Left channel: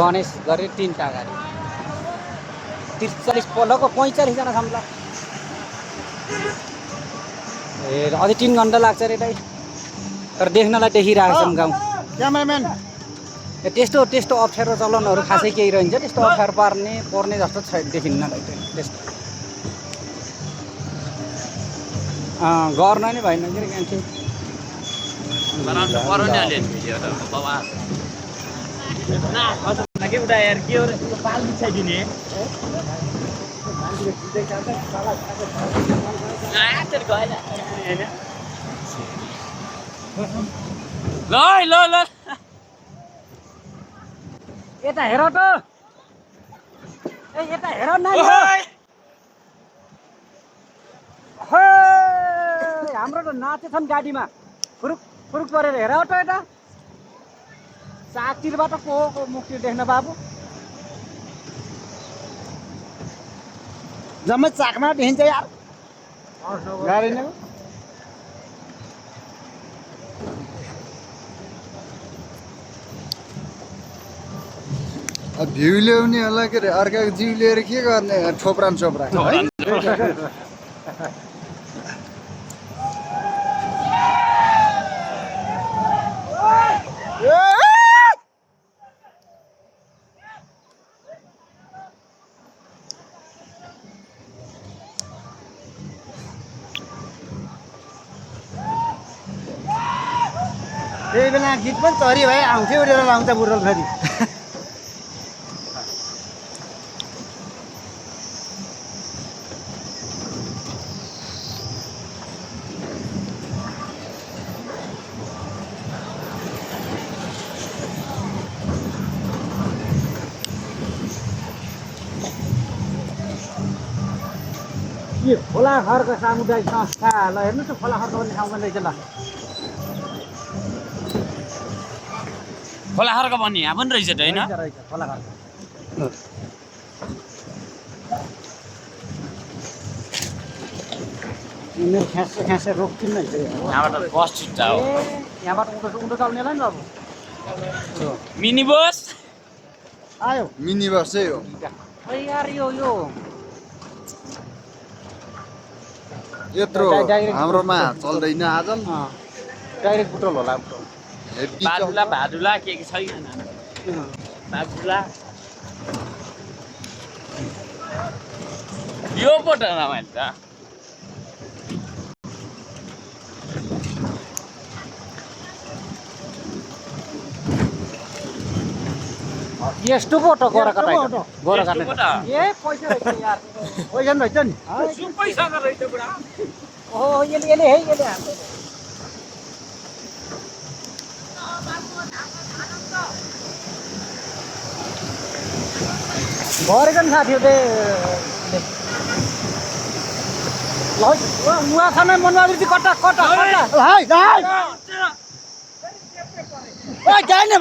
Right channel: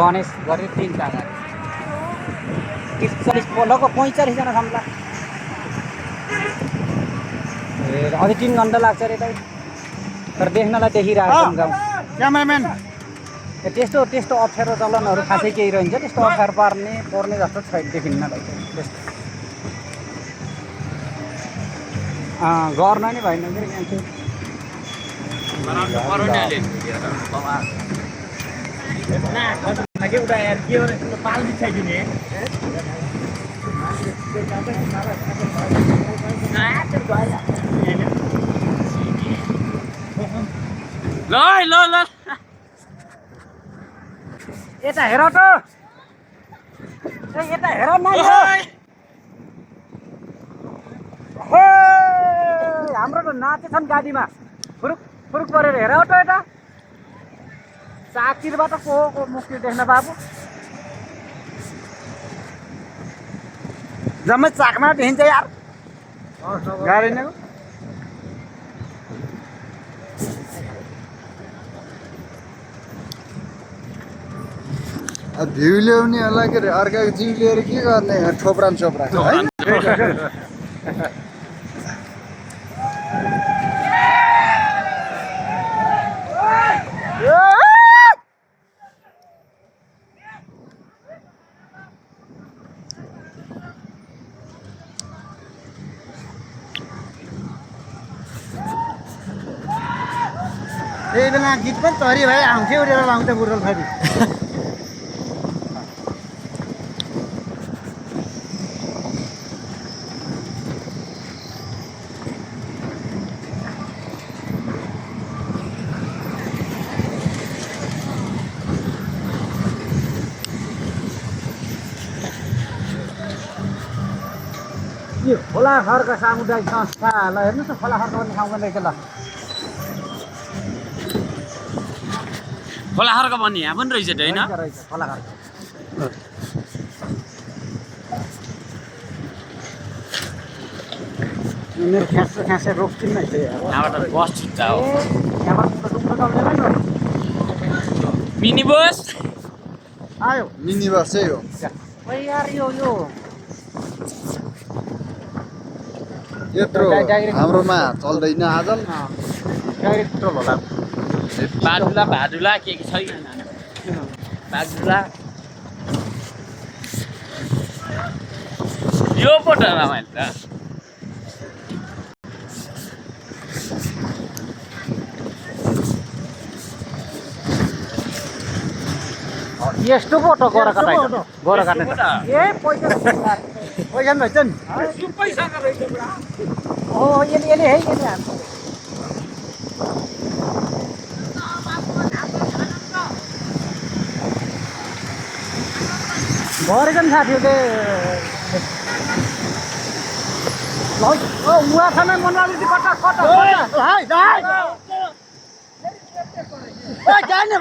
गणेश गरे 3टा गाडी 30-40 लगभग 45 जना छन् ए अझै 3 घण्टा लाग्छ रे दाइ तर देख्नलाई देखिरहेको छन् गाउँ क्यामेराम्यान त्यस्तो अप्ठ्यारो चलनहरू खासै केही रहन्छ त्यस्तो अप्ठ्यारो पर्ने जस्तो छैन देखिन्न दाइ त्यस्तो गर्न नै भएन के मान्छे ल यता हेर त यता हेर न हाम्रो त नाचेछन् गाडीमा फुरुक फुरुक परेर हेर त यता चाकतिरबाट को मुक्ति देख्न बाबु जम्मै चाकमा देखिन्छ यार गाडी नै भ्यू ल्याउनेहरूलाई के अरे अर्काको जिउ लिएर के गर्ने ठोप्रान चोप्रा त्यही बेला गीत पनि तरी भए आउँथ्यो उडेर आउँछ बुढोल फेरि यो खोला खर्क सामुदायिक संस्था ल हेर्नुहोस् न खोला खर्क भन्ने ठाउँमा रहेछ ल खोला खर्क भन्ने यहाँ पनि रहेछ त होइन रहेछ खोला खर्क मेरो ख्यासे रोक्किन्न है यहाँबाट बस छुट्छ हो यहाँबाट उठो चल्दैन नि मिनी बस आयो मिनी बस चाहिँ हो यार यो यत्रो हाम्रोमा चल्दैन आज डाइरेक्ट पेट्रोल होला बाजुला भाजुला के छैन बाजुला यो पो त रमाइलो त यस्तो पो त गोरा काट्ने ए पैसा पैसा पनि रहेछ नि ओ यसले हाल्छ भरेको नि साथीहरूले ल उहाँ छ न मनबहादुर कटा जाने